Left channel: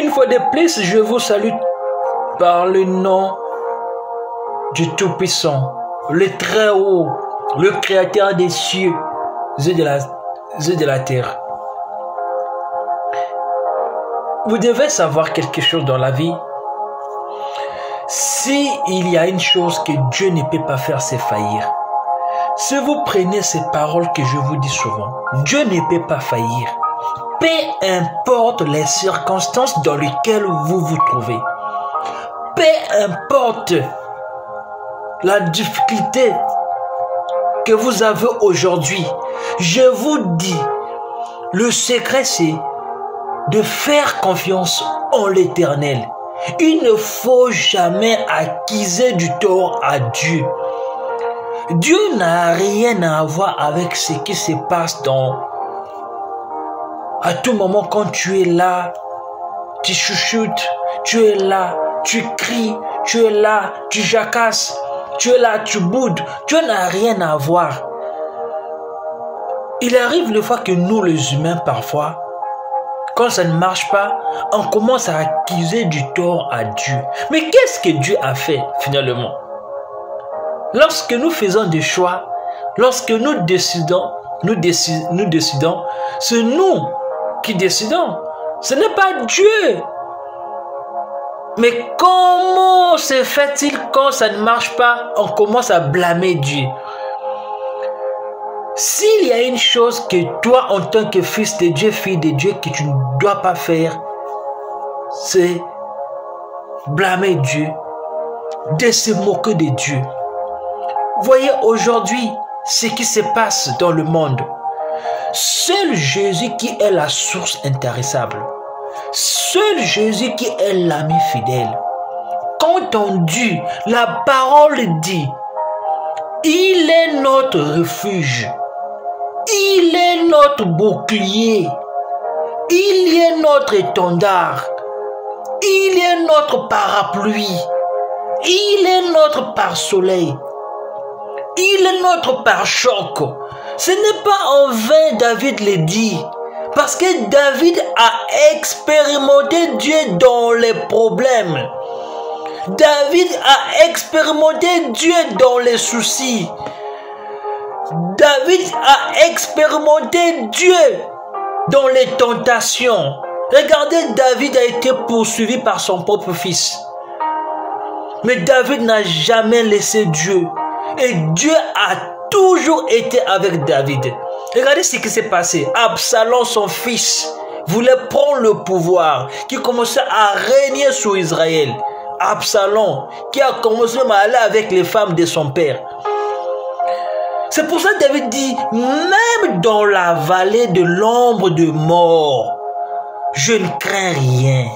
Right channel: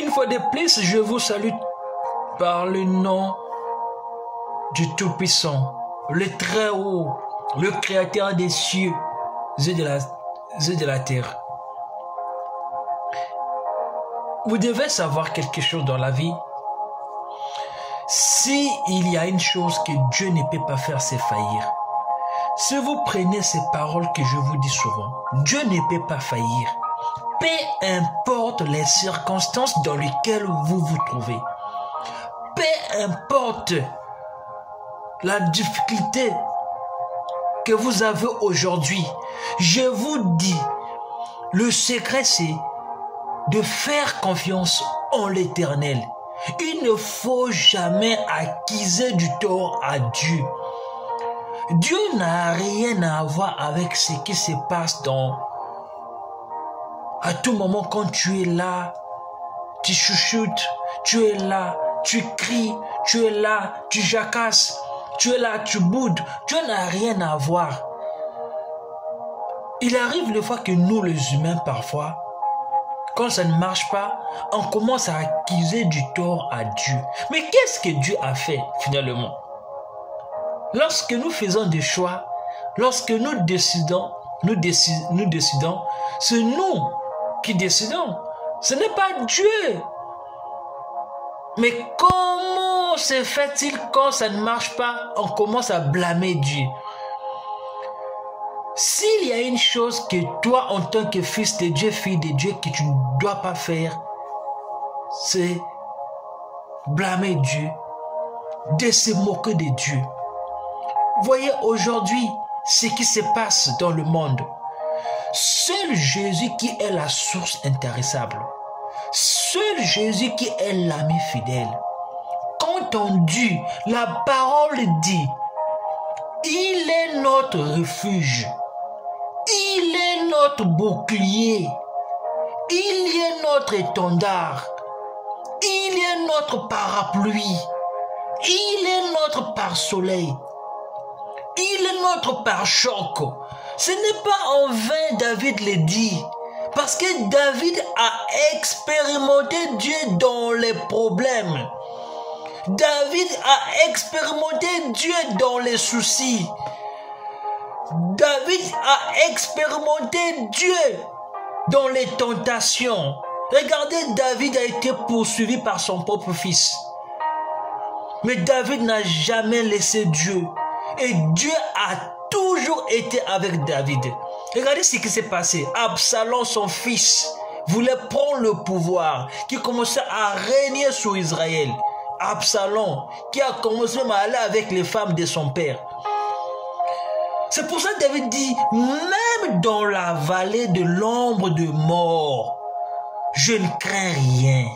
Une fois de plus, je vous salue par le nom du Tout-Puissant, le Très-Haut, le Créateur des cieux et de la terre. Vous devez savoir quelque chose dans la vie. Si il y a une chose que Dieu ne peut pas faire, c'est faillir. Si vous prenez ces paroles que je vous dis souvent, Dieu ne peut pas faillir. Peu importe les circonstances dans lesquelles vous vous trouvez. Peu importe la difficulté que vous avez aujourd'hui. Je vous dis, le secret c'est de faire confiance en l'Éternel. Il ne faut jamais accuser du tort à Dieu. Dieu n'a rien à voir avec ce qui se passe à tout moment quand tu es là, tu chuchotes, tu es là, tu cries, tu es là, tu jacasses, tu es là, tu boudes. Dieu n'a rien à voir. Il arrive le fois que nous les humains parfois, quand ça ne marche pas, on commence à accuser du tort à Dieu. Mais qu'est-ce que Dieu a fait finalement? Lorsque nous faisons des choix, lorsque nous décidons, c'est nous qui décidons. Ce n'est pas Dieu. Mais comment se fait-il quand ça ne marche pas, on commence à blâmer Dieu? S'il y a une chose que toi, en tant que fils de Dieu, fille de Dieu, que tu ne dois pas faire, c'est blâmer Dieu, de se moquer de Dieu. Voyez aujourd'hui ce qui se passe dans le monde. Seul Jésus qui est la source intarissable. Seul Jésus qui est l'ami fidèle. Quand on dit, la parole dit, il est notre refuge. Il est notre bouclier. Il est notre étendard. Il est notre parapluie. Il est notre pare-soleil. Il est notre pare-choc. Ce n'est pas en vain David le dit. Parce que David a expérimenté Dieu dans les problèmes. David a expérimenté Dieu dans les soucis. David a expérimenté Dieu dans les tentations. Regardez, David a été poursuivi par son propre fils. Mais David n'a jamais laissé Dieu. Et Dieu a toujours été avec David. Regardez ce qui s'est passé. Absalom, son fils, voulait prendre le pouvoir, qui commençait à régner sur Israël. Absalom, qui a commencé à aller avec les femmes de son père. C'est pour ça que David dit, même dans la vallée de l'ombre de mort, je ne crains rien.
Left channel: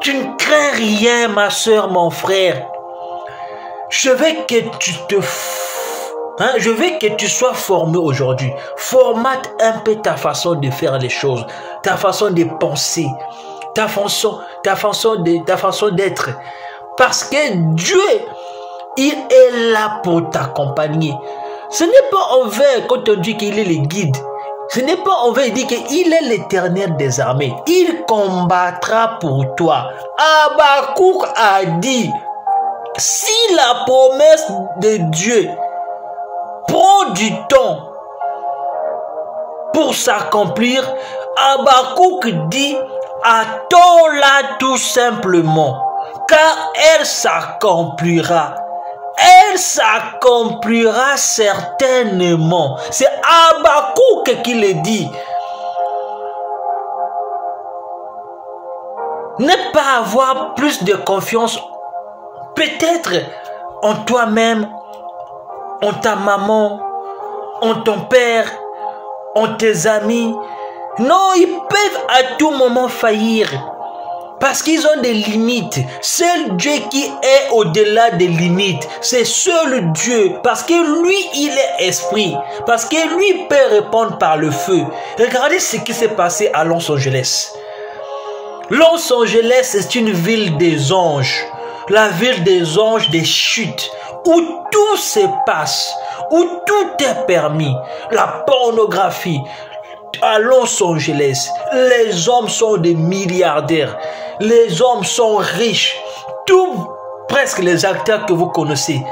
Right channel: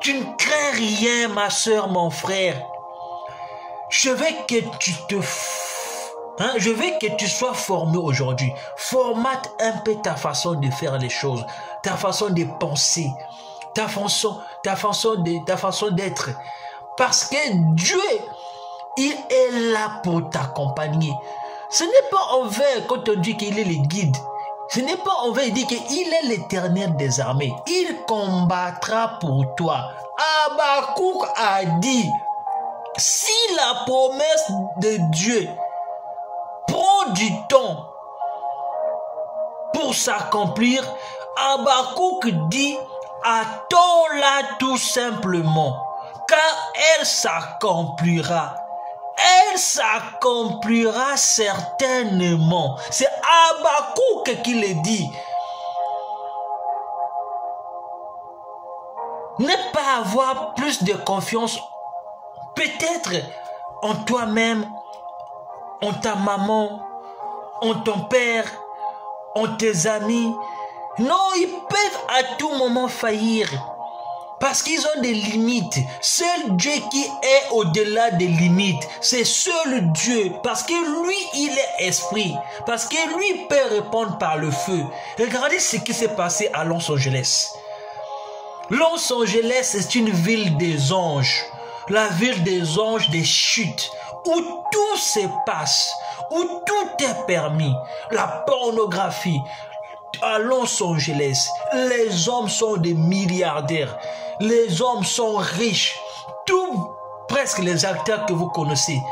Tu ne crains rien, ma soeur, mon frère. Je veux que tu sois formé aujourd'hui. Formate un peu ta façon de faire les choses, ta façon de penser, ta façon d'être. Parce que Dieu, il est là pour t'accompagner. Ce n'est pas en vain quand on dit qu'il est le guide. Ce n'est pas en vain, il dit qu'il est l'Éternel des armées. Il combattra pour toi. Habakkuk a dit, si la promesse de Dieu prend du temps pour s'accomplir, Habakkuk dit, attends-la tout simplement, car elle s'accomplira. Elle s'accomplira certainement. C'est Habakkuk qui le dit. Ne pas avoir plus de confiance peut-être en toi-même, en ta maman, en ton père, en tes amis. Non, ils peuvent à tout moment faillir. Parce qu'ils ont des limites. Seul Dieu qui est au-delà des limites, c'est seul Dieu. Parce que lui, il est esprit. Parce que lui peut répondre par le feu. Regardez ce qui s'est passé à Los Angeles. Los Angeles, c'est une ville des anges. La ville des anges des chutes. Où tout se passe. Où tout est permis. La pornographie. à Los Angeles, les hommes sont des milliardaires. Les hommes sont riches. Presque les acteurs que vous connaissez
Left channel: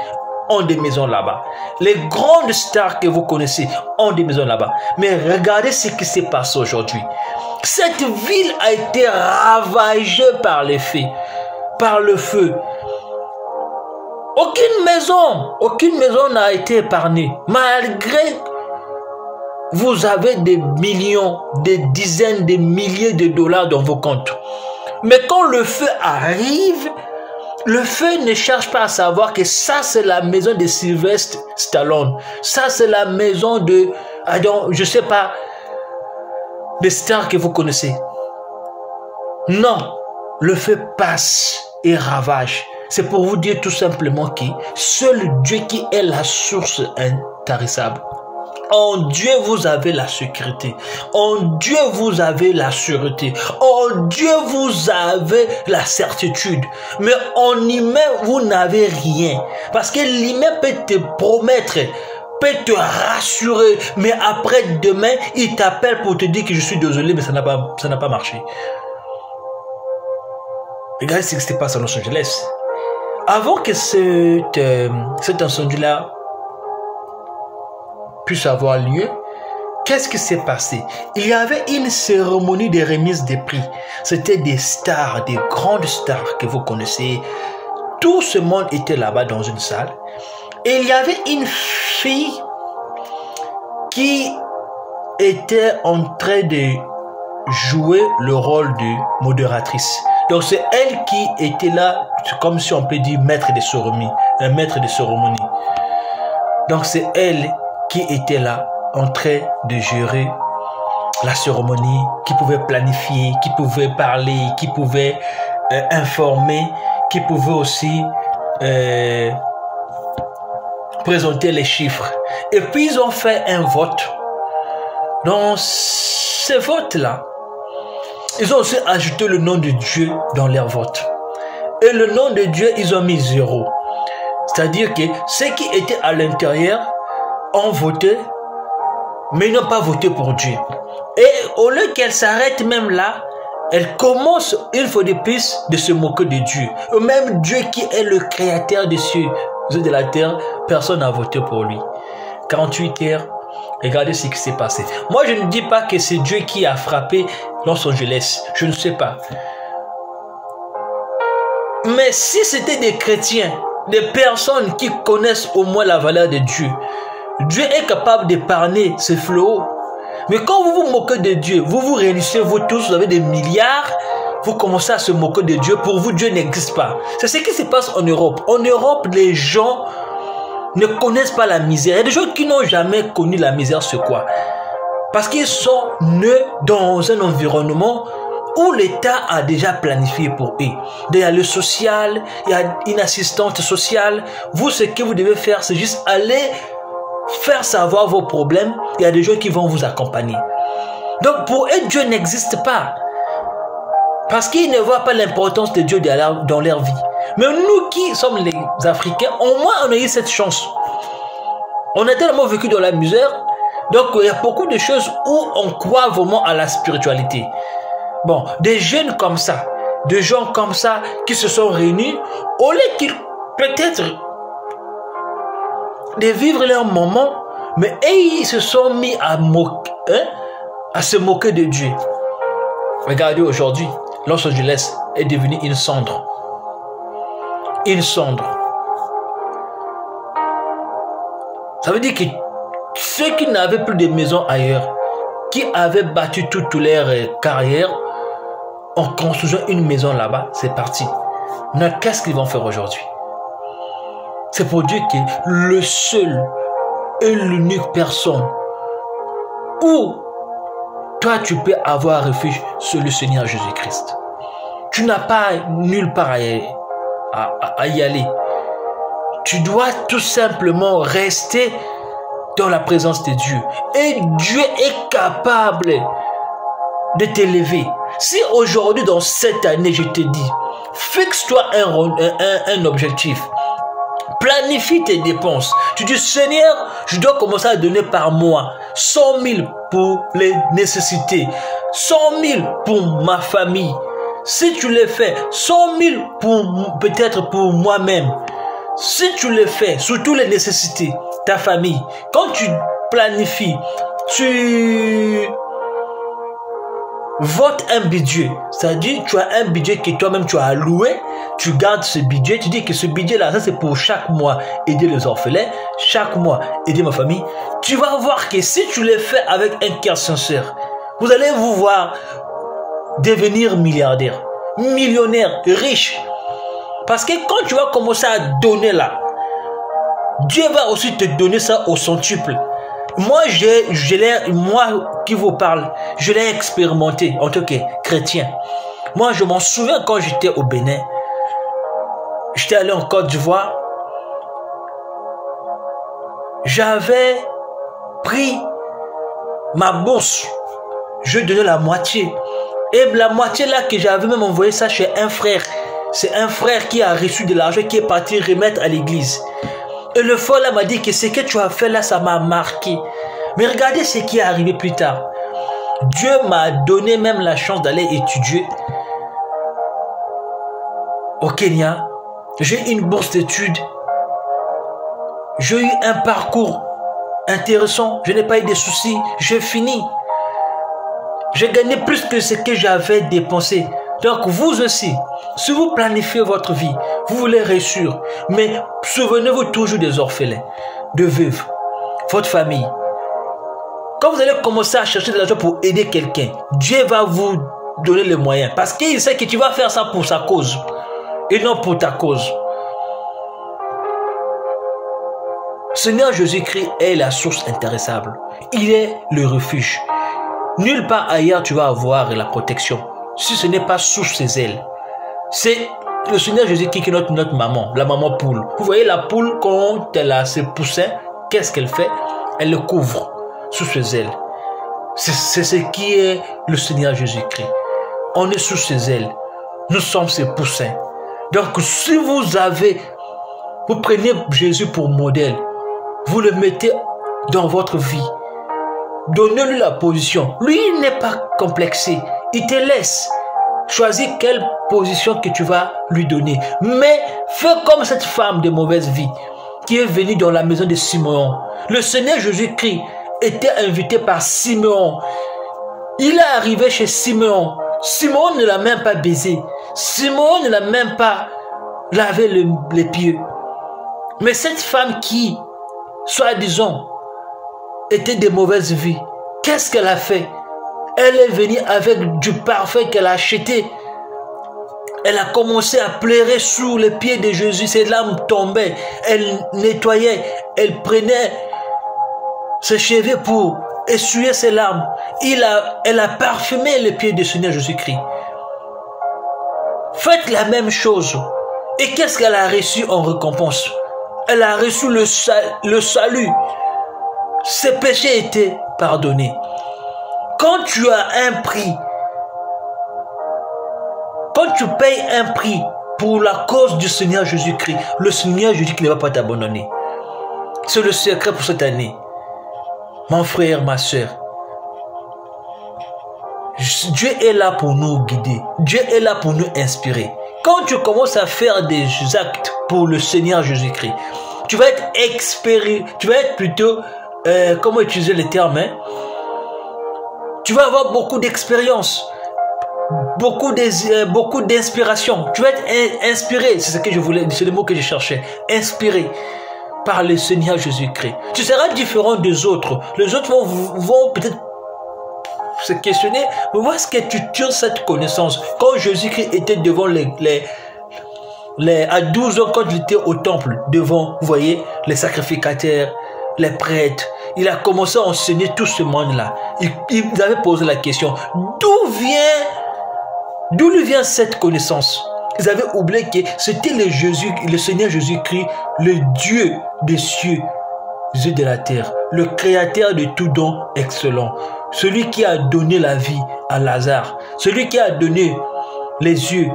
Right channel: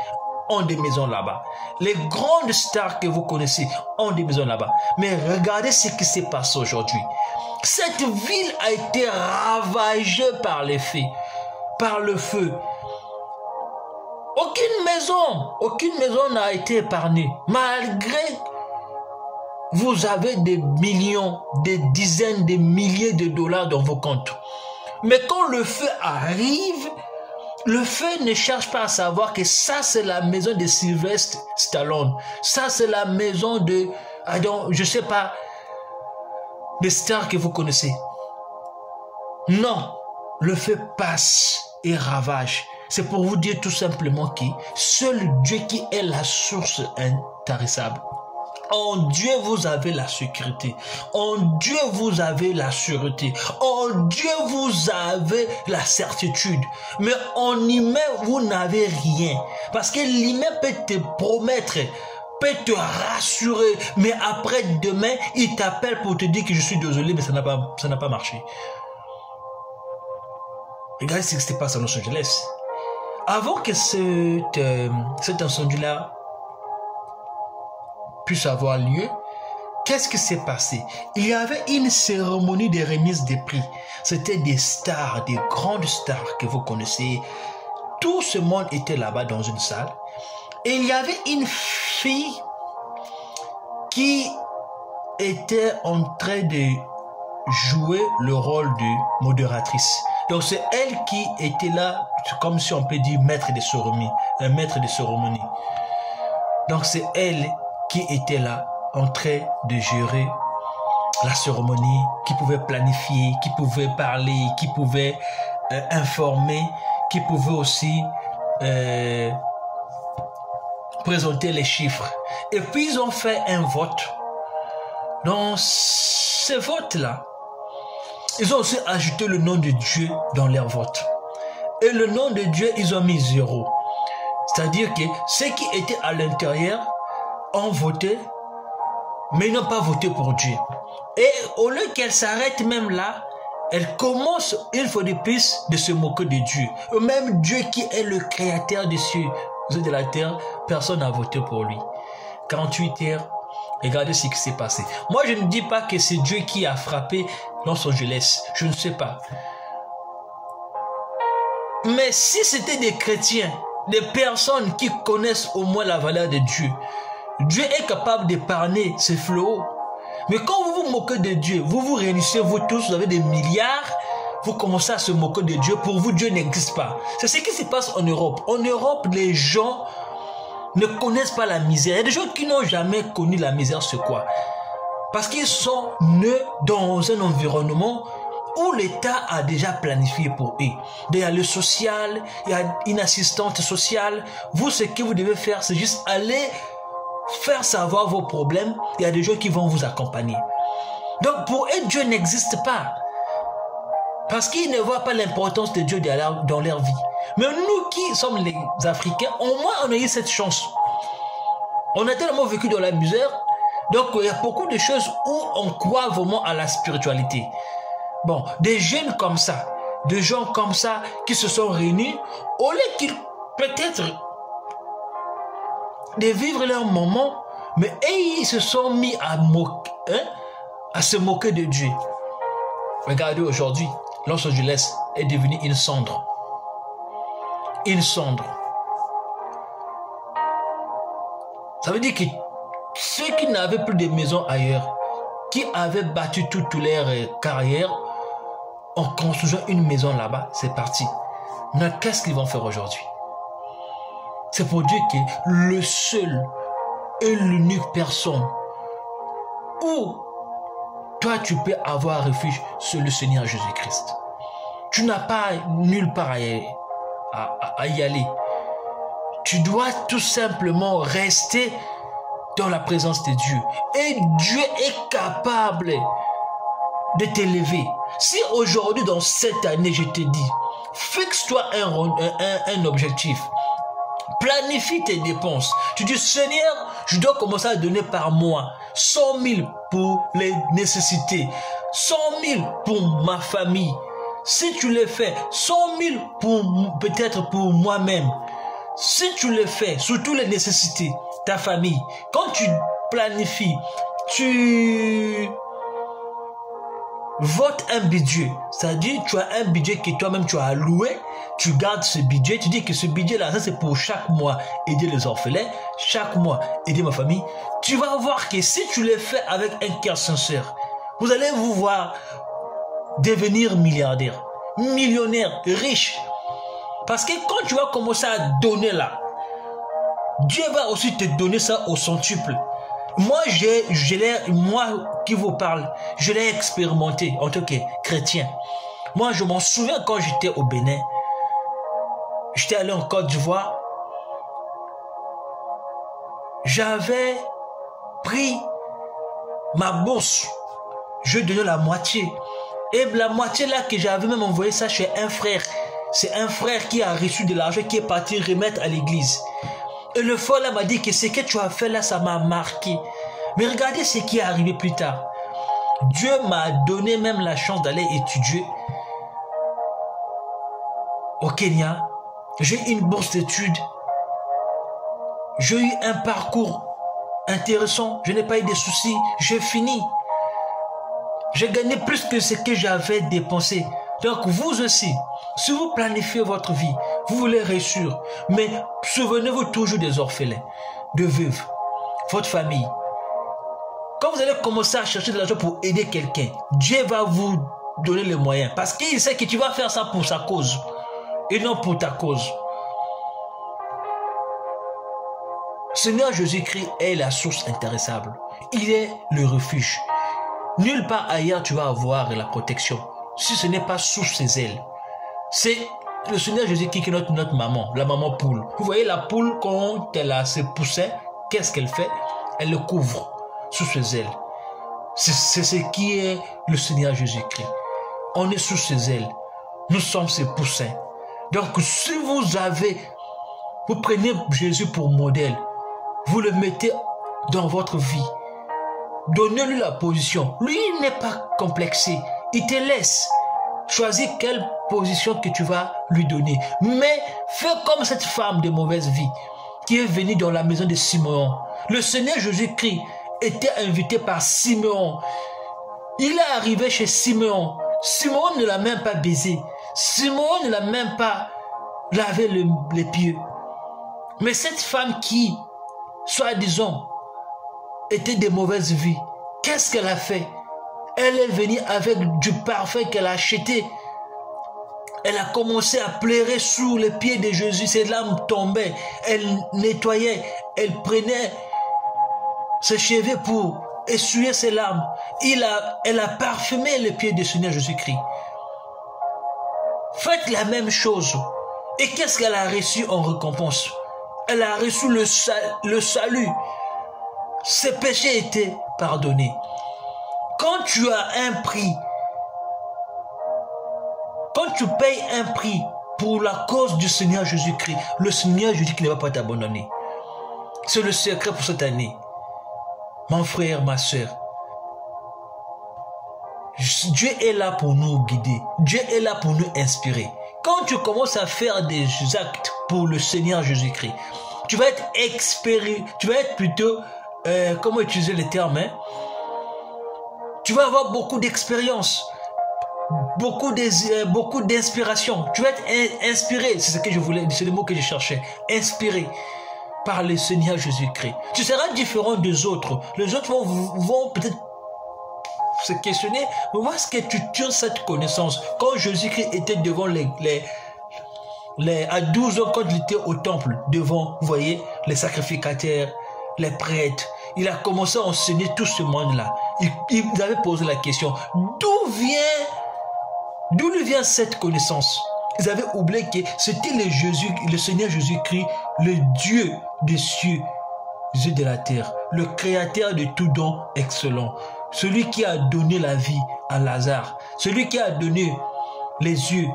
ont des maisons là-bas. Les grandes stars que vous connaissez ont des maisons là-bas. Mais regardez ce qui s'est passé aujourd'hui. Cette ville a été ravagée par les feux. Par le feu. Aucune maison n'a été épargnée. Malgré vous avez des millions, des dizaines de milliers de dollars dans vos comptes. Mais quand le feu arrive, le feu ne cherche pas à savoir que ça c'est la maison de Sylvester Stallone. Ça c'est la maison de, je sais pas, des stars que vous connaissez. Non, le feu passe et ravage. C'est pour vous dire tout simplement que seul Dieu qui est la source intarissable. En Dieu, vous avez la sécurité. En Dieu, vous avez la sûreté. En Dieu, vous avez la certitude. Mais en humain, vous n'avez rien. Parce que l'humain peut te promettre, peut te rassurer. Mais après, demain, il t'appelle pour te dire que je suis désolé, mais ça n'a pas marché. Regardez ce qui se passe à Los Angeles. Avant que cet incendie-là puisse avoir lieu, qu'est-ce qui s'est passé? Il y avait une cérémonie de remise des prix. C'était des stars, des grandes stars que vous connaissez. Tout ce monde était là-bas dans une salle. Et il y avait une fille qui était en train de jouer le rôle de modératrice. Donc c'est elle qui était là, comme si on peut dire maître de cérémonie, un maître de cérémonie. Donc c'est elle qui était là en train de gérer la cérémonie, qui pouvait planifier, qui pouvait parler, qui pouvait informer, qui pouvait aussi présenter les chiffres. Et puis ils ont fait un vote. Dans ce vote-là, ils ont aussi ajouté le nom de Dieu dans leur vote. Et le nom de Dieu, ils ont mis 0. C'est-à-dire que ceux qui étaient à l'intérieur ont voté, mais ils n'ont pas voté pour Dieu. Et au lieu qu'elle s'arrête même là, elle commence une fois de plus de se moquer de Dieu. Même Dieu qui est le créateur des cieux et de la terre, personne n'a voté pour lui. 48 heures, regardez ce qui s'est passé. Moi, je ne dis pas que c'est Dieu qui a frappé Los Angeles. Je ne sais pas. Mais si c'était des chrétiens, des personnes qui connaissent au moins la valeur de Dieu, Dieu est capable d'épargner ces fléaux. Mais quand vous vous moquez de Dieu, vous vous réunissez, vous tous, vous avez des milliards, vous commencez à se moquer de Dieu. Pour vous, Dieu n'existe pas. C'est ce qui se passe en Europe. En Europe, les gens ne connaissent pas la misère. Il y a des gens qui n'ont jamais connu la misère, c'est quoi? Parce qu'ils sont nés dans un environnement où l'État a déjà planifié pour eux. Il y a le social, il y a une assistante sociale. Vous, ce que vous devez faire, c'est juste aller faire savoir vos problèmes. Il y a des gens qui vont vous accompagner. Donc pour eux, Dieu n'existe pas. Parce qu'ils ne voient pas l'importance de Dieu dans leur vie. Mais nous qui sommes les Africains, au moins on a eu cette chance. On a tellement vécu dans la misère. Donc il y a beaucoup de choses où on croit vraiment à la spiritualité. Bon, des jeunes comme ça, des gens comme ça qui se sont réunis, au lieu qu'ils peut-être de vivre leur moment, mais ils se sont mis à se moquer de Dieu. Regardez aujourd'hui, Los Angeles est devenu une cendre. Une cendre. Ça veut dire que ceux qui n'avaient plus de maison ailleurs, qui avaient battu toute leur carrière, en construisant une maison là-bas, c'est parti. Mais qu'est-ce qu'ils vont faire aujourd'hui? C'est pour dire que le seul et l'unique personne où toi tu peux avoir refuge, c'est le Seigneur Jésus-Christ. Tu n'as pas nulle part à y aller. Tu dois tout simplement rester dans la présence de Dieu. Et Dieu est capable de t'élever. Si aujourd'hui, dans cette année, je te dis, fixe-toi un objectif. Planifie tes dépenses. Tu dis, Seigneur, je dois commencer à donner par mois 100 000 pour les nécessités, 100 000 pour ma famille. Si tu les fais, 100 000 peut-être pour moi-même. Si tu les fais, surtout les nécessités, ta famille, quand tu planifies, tu votes un budget, c'est-à-dire tu as un budget que toi-même tu as alloué, tu gardes ce budget, tu dis que ce budget-là, ça c'est pour chaque mois aider les orphelins, chaque mois aider ma famille. Tu vas voir que si tu les fais avec un cœur sincère, vous allez vous voir devenir milliardaire, millionnaire, riche. Parce que quand tu vas commencer à donner là, Dieu va aussi te donner ça au centuple. Moi, moi qui vous parle, je l'ai expérimenté en tant que chrétien. Moi, je m'en souviens quand j'étais au Bénin. J'étais allé en Côte d'Ivoire. J'avais pris ma bourse. Je donnais la moitié. Et la moitié là que j'avais même envoyé ça chez un frère. C'est un frère qui a reçu de l'argent qui est parti remettre à l'église. Et le frère là m'a dit que ce que tu as fait là, ça m'a marqué. Mais regardez ce qui est arrivé plus tard. Dieu m'a donné même la chance d'aller étudier au Kenya. J'ai une bourse d'études. J'ai eu un parcours intéressant. Je n'ai pas eu de soucis. J'ai fini. J'ai gagné plus que ce que j'avais dépensé. Donc vous aussi, si vous planifiez votre vie, vous voulez réussir, mais souvenez-vous toujours des orphelins, de veuves, votre famille. Quand vous allez commencer à chercher de l'argent pour aider quelqu'un, Dieu va vous donner les moyens. Parce qu'il sait que tu vas faire ça pour sa cause et non pour ta cause. Seigneur Jésus-Christ est la source intéressable. Il est le refuge. Nulle part ailleurs tu vas avoir la protection. Si ce n'est pas sous ses ailes. C'est le Seigneur Jésus-Christ qui est notre maman, la maman poule. Vous voyez la poule, quand elle a ses poussins, qu'est-ce qu'elle fait? Elle le couvre sous ses ailes. C'est ce qui est le Seigneur Jésus-Christ. On est sous ses ailes. Nous sommes ses poussins. Donc si vous prenez Jésus pour modèle, vous le mettez dans votre vie. Donnez-lui la position. Lui, il n'est pas complexé. Il te laisse. Choisis quelle position que tu vas lui donner. Mais fais comme cette femme de mauvaise vie qui est venue dans la maison de Simeon. Le Seigneur Jésus-Christ était invité par Simeon. Il est arrivé chez Simeon. Simeon ne l'a même pas baisé. Simeon ne l'a même pas lavé les pieds. Mais cette femme qui, soi-disant, était de mauvaise vie, qu'est-ce qu'elle a fait? Elle est venue avec du parfum qu'elle a acheté. Elle a commencé à pleurer sous les pieds de Jésus. Ses larmes tombaient. Elle nettoyait. Elle prenait ses cheveux pour essuyer ses larmes. Elle a parfumé les pieds du Seigneur Jésus-Christ. Faites la même chose. Et qu'est-ce qu'elle a reçu en récompense? Elle a reçu le salut. Ses péchés étaient pardonnés. Quand tu as un prix, quand tu payes un prix pour la cause du Seigneur Jésus-Christ, le Seigneur Jésus-Christ ne va pas t'abandonner. C'est le secret pour cette année. Mon frère, ma soeur, Dieu est là pour nous guider. Dieu est là pour nous inspirer. Quand tu commences à faire des actes pour le Seigneur Jésus-Christ, tu vas être plutôt, comment utiliser les termes, hein? Tu vas avoir beaucoup d'expérience, beaucoup d'inspiration. Tu vas être inspiré, c'est ce que je voulais, c'est le mot que je cherchais, inspiré par le Seigneur Jésus-Christ. Tu seras différent des autres. Les autres vont peut-être se questionner, mais où est-ce que tu tires cette connaissance? Quand Jésus-Christ était devant à 12 ans, quand il était au temple, devant, vous voyez, les sacrificateurs, les prêtres, il a commencé à enseigner tout ce monde-là. Il avait posé la question, d'où lui vient cette connaissance? Ils avaient oublié que c'était le Seigneur Jésus-Christ, le Dieu des cieux et de la terre, le créateur de tout don excellent, celui qui a donné la vie à Lazare, celui qui a donné les yeux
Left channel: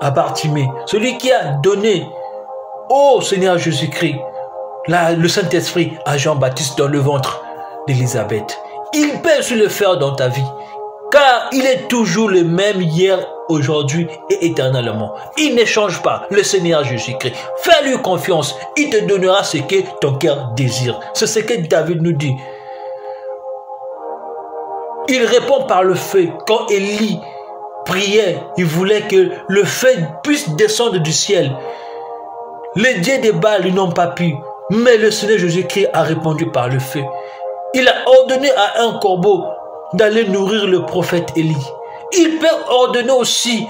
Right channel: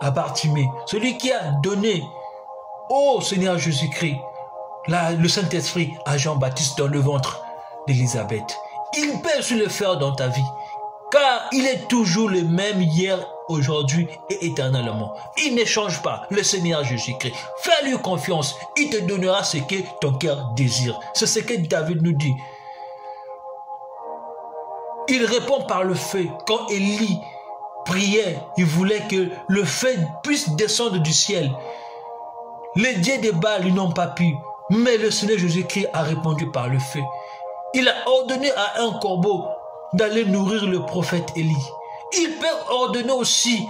à Bartimée, celui qui a donné au Seigneur Jésus-Christ le Saint-Esprit à Jean-Baptiste dans le ventre d'Élisabeth. Il peut se le faire dans ta vie. Car il est toujours le même hier, aujourd'hui et éternellement. Il ne change pas, le Seigneur Jésus-Christ. Fais-lui confiance, il te donnera ce que ton cœur désire. C'est ce que David nous dit. Il répond par le feu. Quand Élie priait, il voulait que le feu puisse descendre du ciel. Les dieux des Baals n'ont pas pu, mais le Seigneur Jésus-Christ a répondu par le feu. Il a ordonné à un corbeau d'aller nourrir le prophète Élie. Il peut ordonner aussi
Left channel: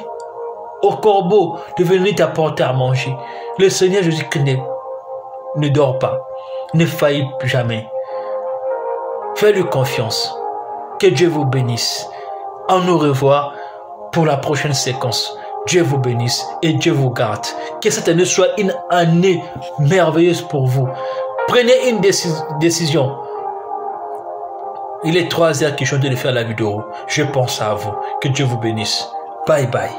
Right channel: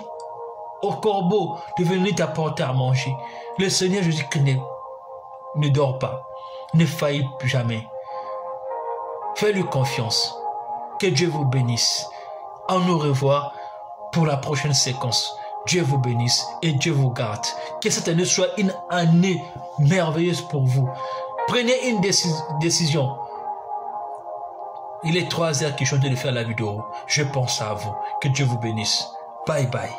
au corbeau de venir t'apporter à manger. Le Seigneur Jésus-Christ ne dort pas, ne faillit jamais. Fais-lui confiance. Que Dieu vous bénisse. On nous revoit pour la prochaine séquence. Dieu vous bénisse et Dieu vous garde. Que cette année soit une année merveilleuse pour vous. Prenez une décision. Il est 3 heures que je suis en train de faire la vidéo. Je pense à vous. Que Dieu vous bénisse. Bye bye.